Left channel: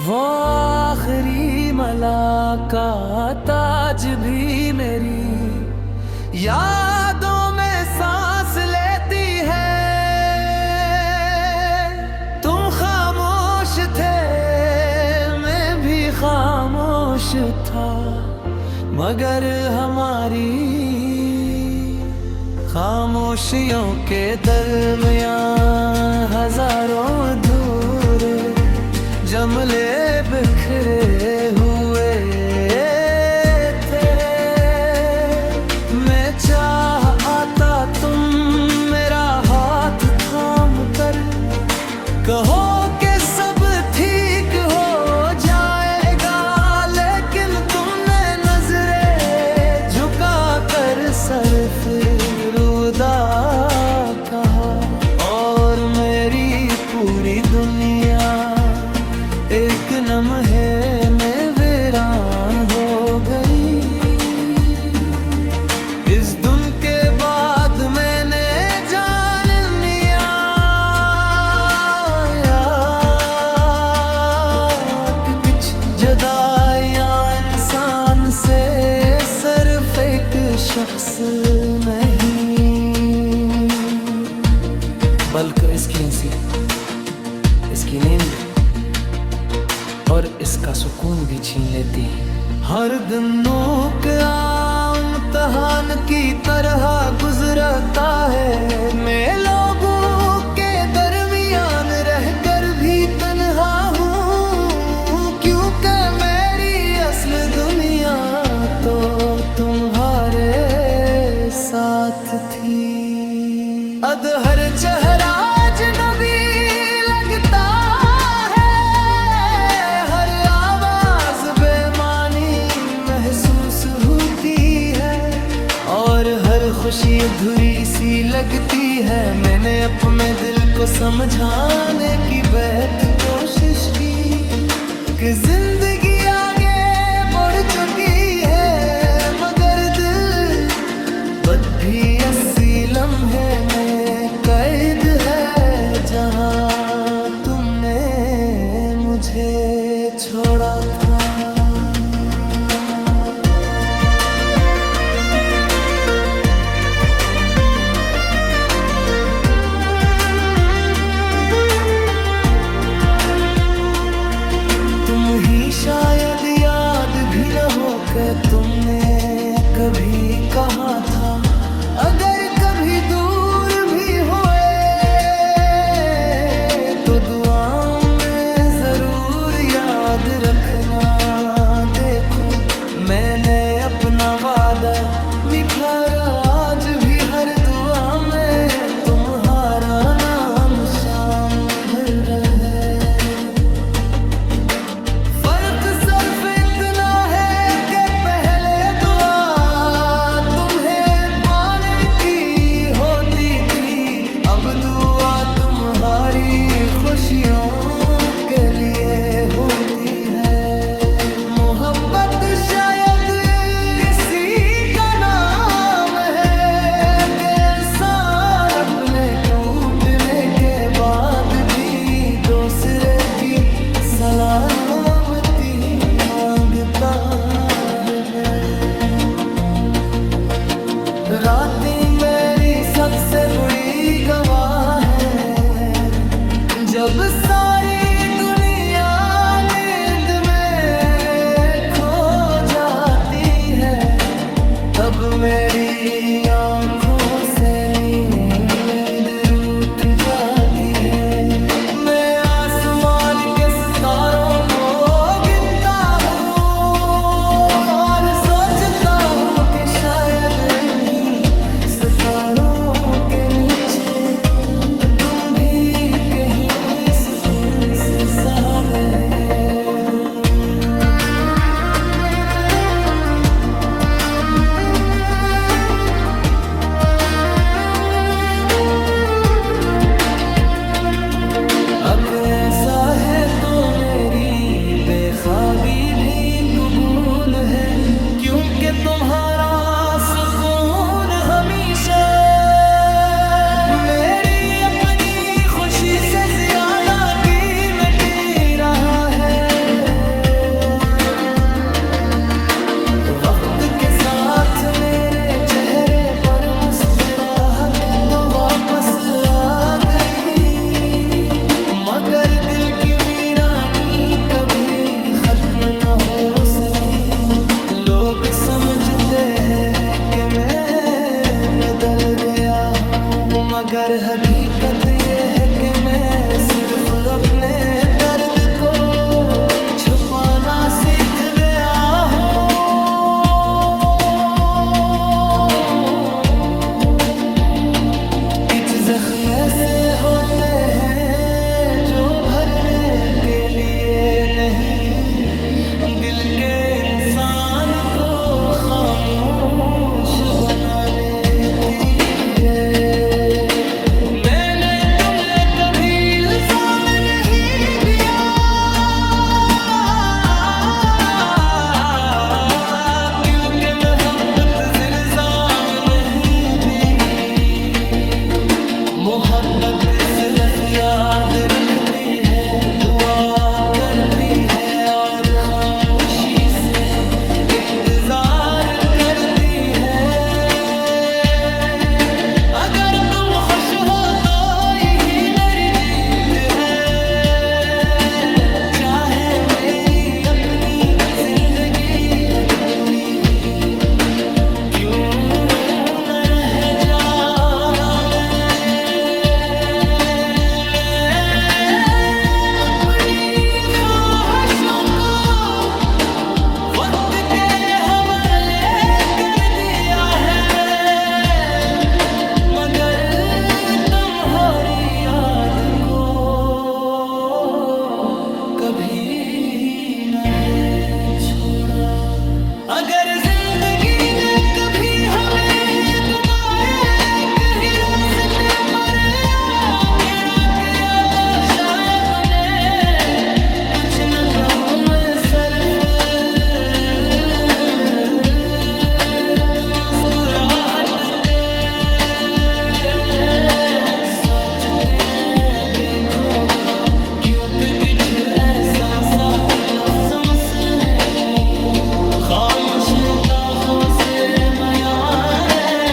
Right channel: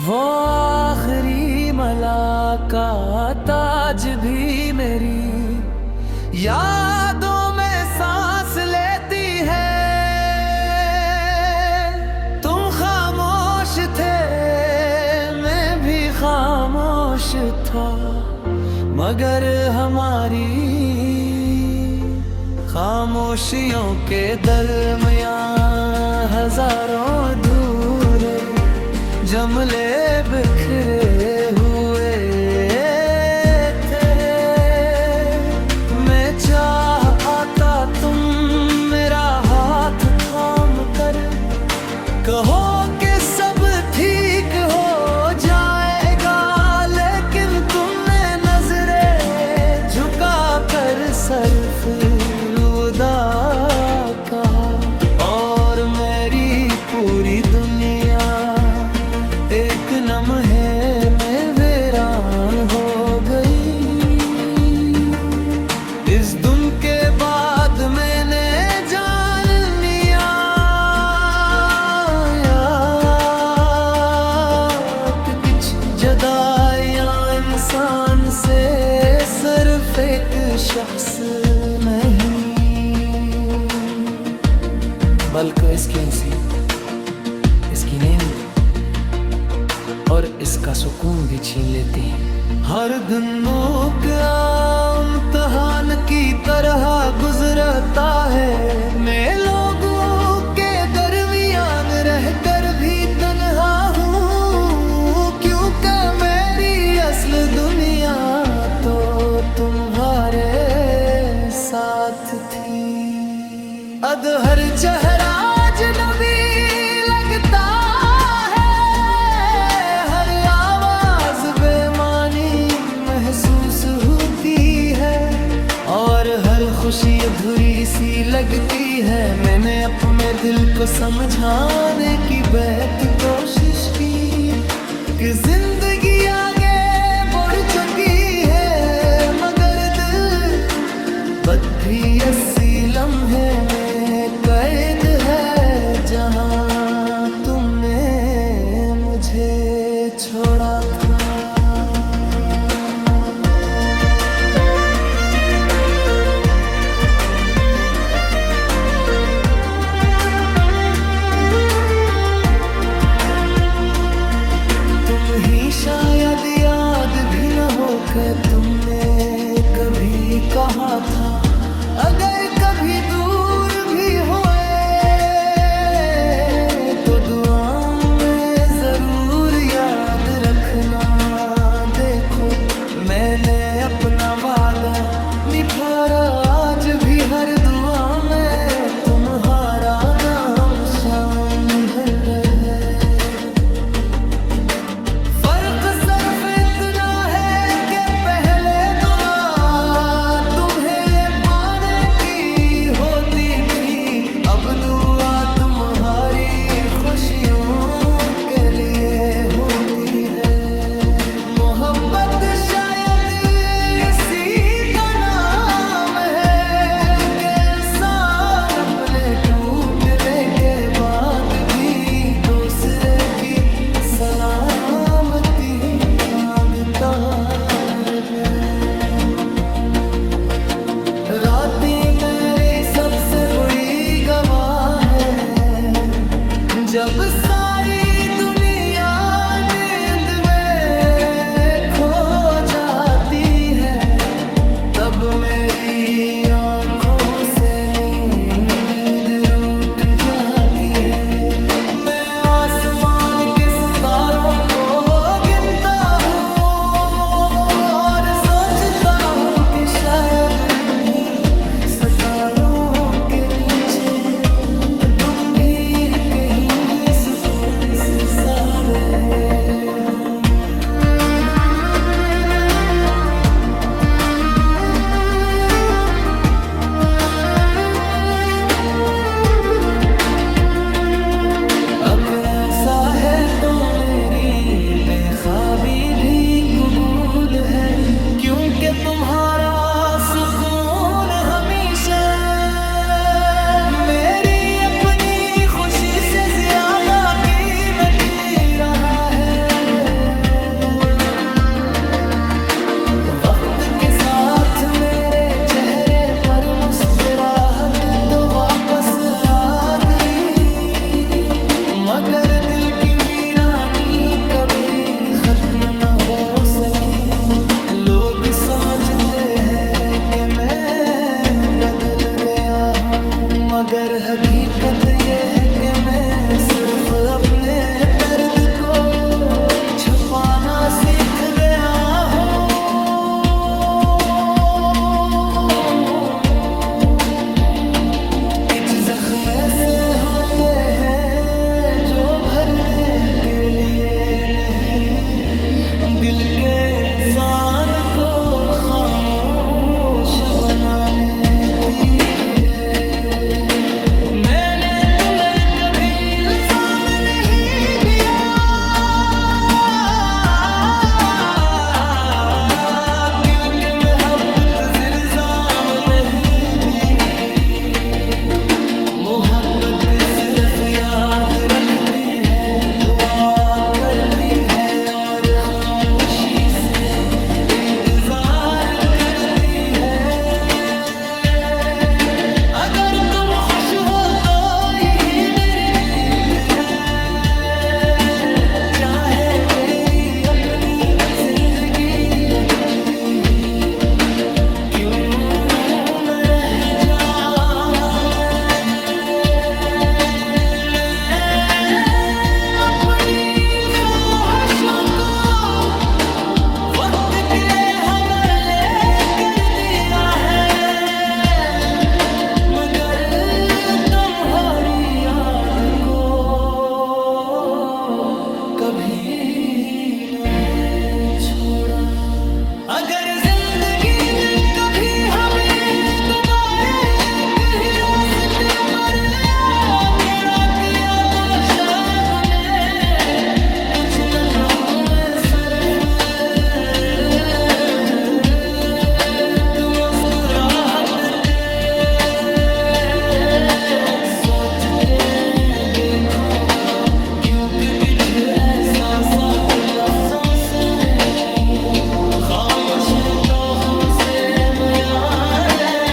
वो आखिरी मुलाकात आज भी मेरी यादों में सांस लेती है। तुम खामोश थे, मैं भी खामोश था, मगर हमारी खामोशियों के दरमियां हजारों धूरे जमले बिखरे हुए थे। मैं चाह आता तुम मेरा हाथ थाम कर कहो कि सब ठीक हो जाएगा, लेकिन तुमने नजरें झुका कर सर फिर उदा कहा, और मेरी पूरी दुनिया एक लम्हे में वीरान हो गई। इस दिन के बाद मैंने जान लिया कि कुछ जुदाइयां इंसान से सिर्फ एक शख्स नहीं, बल्कि इसकी नींद और इसका सुकून भी छीन लेती है। हर दिन का इम्तिहान की तरह गुजरता है, मैं लोगों के दरमियान रहकर भी तन्हा हूँ, क्योंकि मेरी असल दुनिया तो तुम्हारे साथ थी। अदहर चेहरा अजनबी लगता महसूस होती है, और हर खुशी अधूरी सी लगती है। मैंने अपने दिल को समझाने की बेहद कोशिश की कि जिंदगी आगे बढ़ चुकी है, मगर दिल बद भी 80 लम्हे में कैद है, जहां तुमने मुझे छोड़ा था। तुम ही शायद याद भी न हो कि तुमने कभी कहा था, अगर कभी दूर भी हुए तो दुआओं में जरूर याद रखना। देखो मैंने अपना वादा निभाया, आज भी हर दुआ में तुम्हारा नाम शामिल रहे। सिर्फ इतना है कि पहले दुआ तुम्हें पाने की होती थी, अब दुआ तुम्हारी खुशियों के लिए होती है। मोहब्बत शायद इसी का नाम है कि इंसान अपने टूटने के बाद भी दूसरे की सलामती मांगता रहे। रातें मेरी सबसे बड़ी गवाह है, जब सारी दुनिया नींद में खो जाती है, तब मेरी आंखों से नींद रूठ जाती है। मैं आसमान के सितारों को गिनता हूँ और सोचता हूँ कि शायद इन्हीं सितारों के नीचे तुम भी कहीं सुकून से सा रहे हो। अगर ऐसा है तो मेरी बेख्वाबी भी कबूल है, क्योंकि तुम्हारा सुकून हमेशा मेरी अपनी खुशी से ज्यादा कीमती रहा है। साथ मेरे चेहरे पर मुस्कुराहट तो वापस आ गई, मगर दिल की वीरानी कभी खत्म न हो सकी। लोग समझते हैं कि मैं बदल गया हूँ, मगर हकीकत ये है कि मैं सिर्फ अपने दर्द को छुपाना सीख गया हूँ। कुछ जख्म ऐसे होते हैं जो भरने के लिए नहीं, दिल के इंसान को खामोश बनाने के लिए। मैंने तुम्हें कभी इल्जाम नहीं दिया, दिल के मोहब्बत इल्जाम नहीं दी। मोहब्बत सिर्फ याद रखती है, दुआ करती है और खामोशी से इंतजार करती है। अगर तुम खुश हो तो यही मेरी जीत है, चाहे मेरी अपनी जिंदगी अधूरी ही क्यों न रह जा। वक्त के हवाले कर दिया है, मगर तुम्हारी याद को कभी नहीं छोड़ा। अगर जिंदगी ने कभी हमें दोबारा एक ही रास्ते पर खड़ा किया तो शायद ने कुछ न कहूँ मैं, सिर्फ साथ ते देखूंगा, क्योंकि कुछ एहसासात लफ्ज़ों से नहीं, खामोश निगाहों से बयां है।